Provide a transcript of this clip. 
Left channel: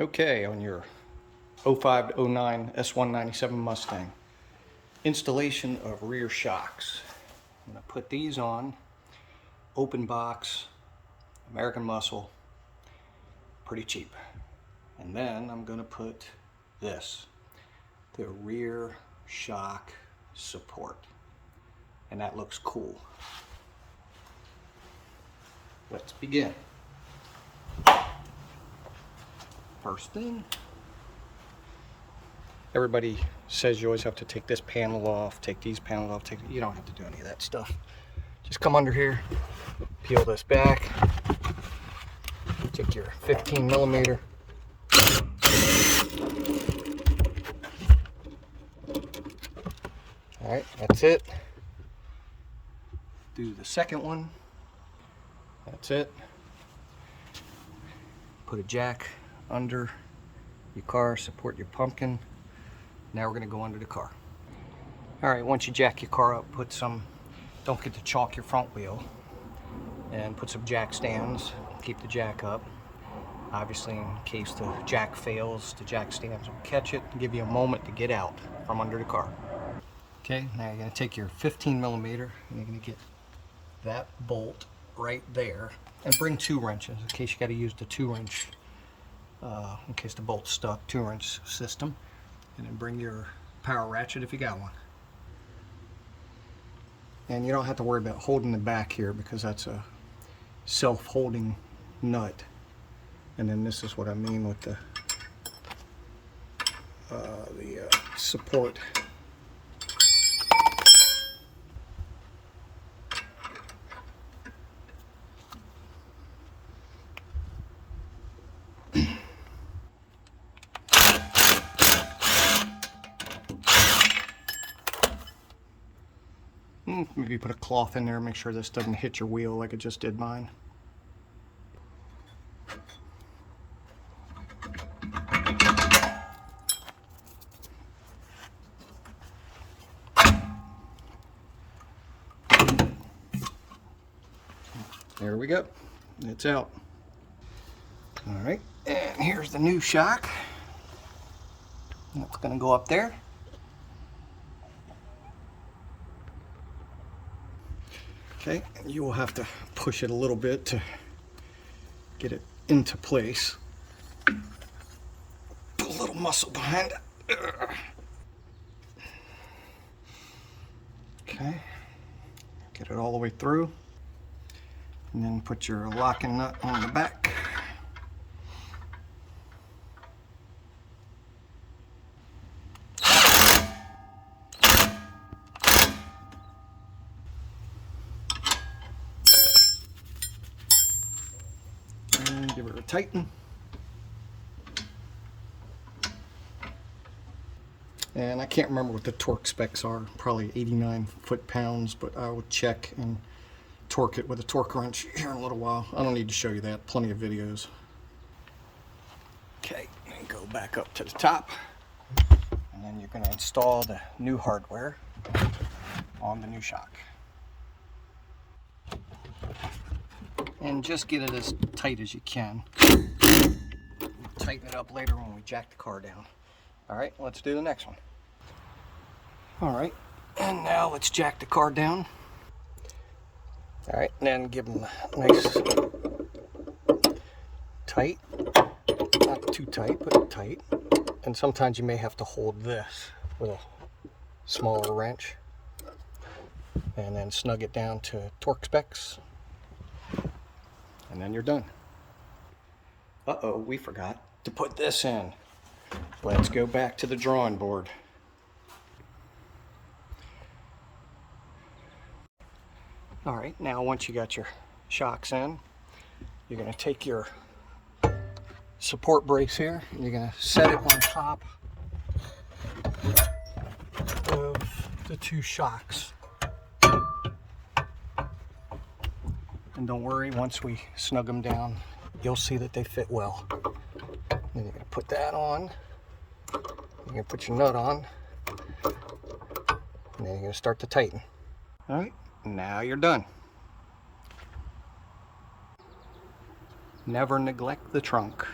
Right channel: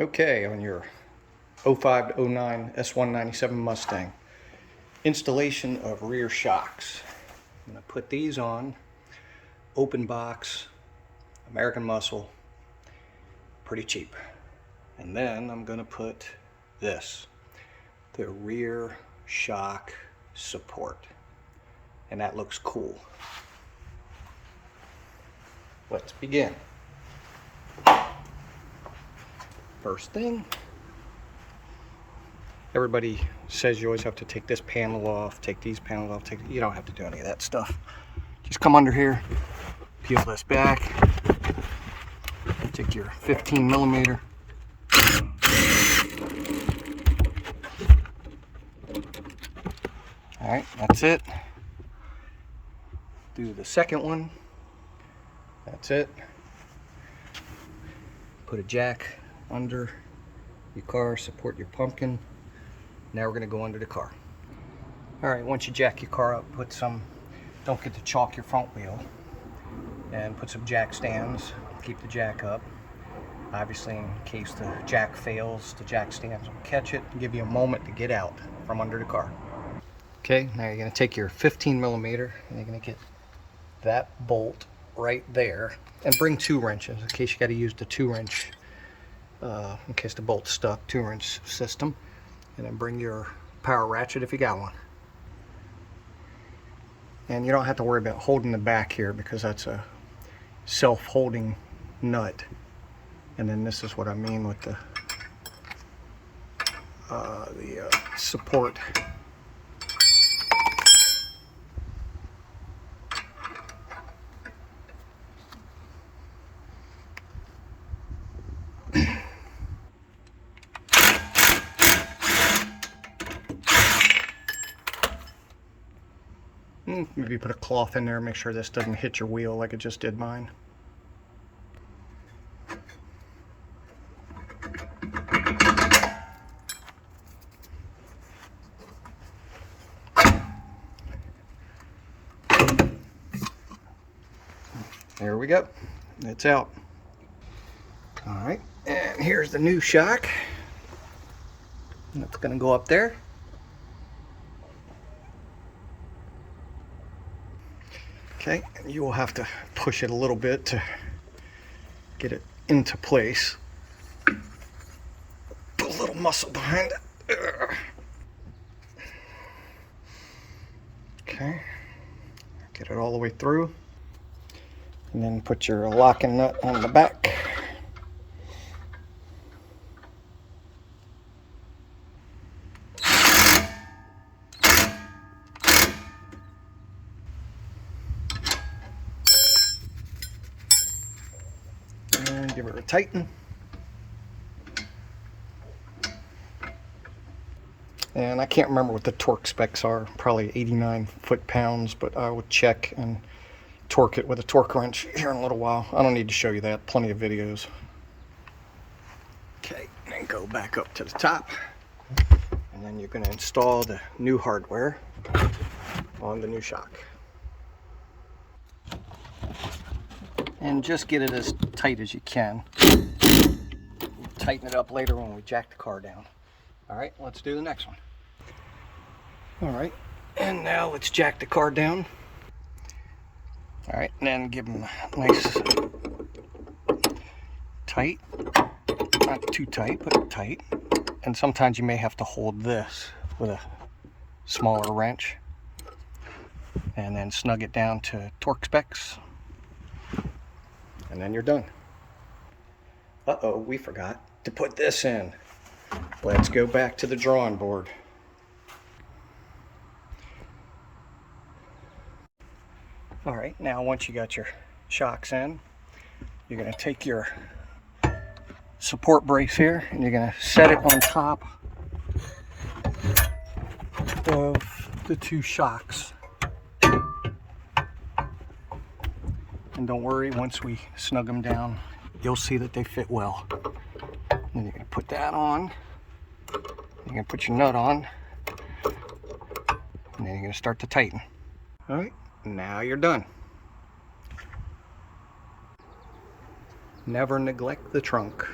Okay, on your 05 to 09 S197 Mustang, installation of rear shocks. I'm going to put these on, open box, American Muscle, pretty cheap. And then I'm going to put this, the rear shock support. And that looks cool. Let's begin. First thing, everybody says you always have to take this panel off, take these panels off, you don't have to do any of that stuff. Just come under here, peel this back, take your 15 millimeter. All right, that's it. Do the second one. That's it. Put a jack under your car, support your pumpkin. Now we're going to go under the car. All right, once you jack your car up, put some, don't forget to chalk your front wheel, and put some jack stands. Keep the jack up. Obviously, in case the jack fails, the jack stands will catch it and give you a moment to get out from under the car. Okay, now you're going to take your 15 millimeter and you're going to get that bolt right there, and bring 2 wrenches in case you got to use the 2-wrench, in case the bolt's stuck, 2-wrench system. And then bring your power ratchet if you got one. And you don't have to worry about holding the back here because that's a self-holding nut. And then this is what I mean with the support. Maybe put a cloth in there, make sure this doesn't hit your wheel like it just did mine. There we go. It's out. All right, and here's the new shock. It's going to go up there. Okay, and you will have to push it a little bit to get it into place. Put a little muscle behind it. Okay, get it all the way through. And then put your locking nut on the back. And give it a tighten. And I can't remember what the torque specs are, probably 89 foot-pounds, but I would check and torque it with a torque wrench here in a little while. I don't need to show you that, plenty of videos. Okay, and go back up to the top. And then you're going to install the new hardware on the new shock. And just get it as tight as you can. Tighten it up later when we jack the car down. All right, let's do the next one. All right, and now let's jack the car down. All right, and then give them a nice tight, not too tight, but tight. And sometimes you may have to hold this with a smaller wrench and then snug it down to torque specs. And then you're done. Uh-oh, we forgot to put this in. Let's go back to the drawing board. All right, now once you got your shocks in, you're going to take your support brace here and you're going to set it on top of the 2 shocks. And don't worry, once we snug them down, you'll see that they fit well. And then you're going to put that on. You're going to put your nut on. And then you're going to start to tighten. All right, now you're done. Never neglect the trunk.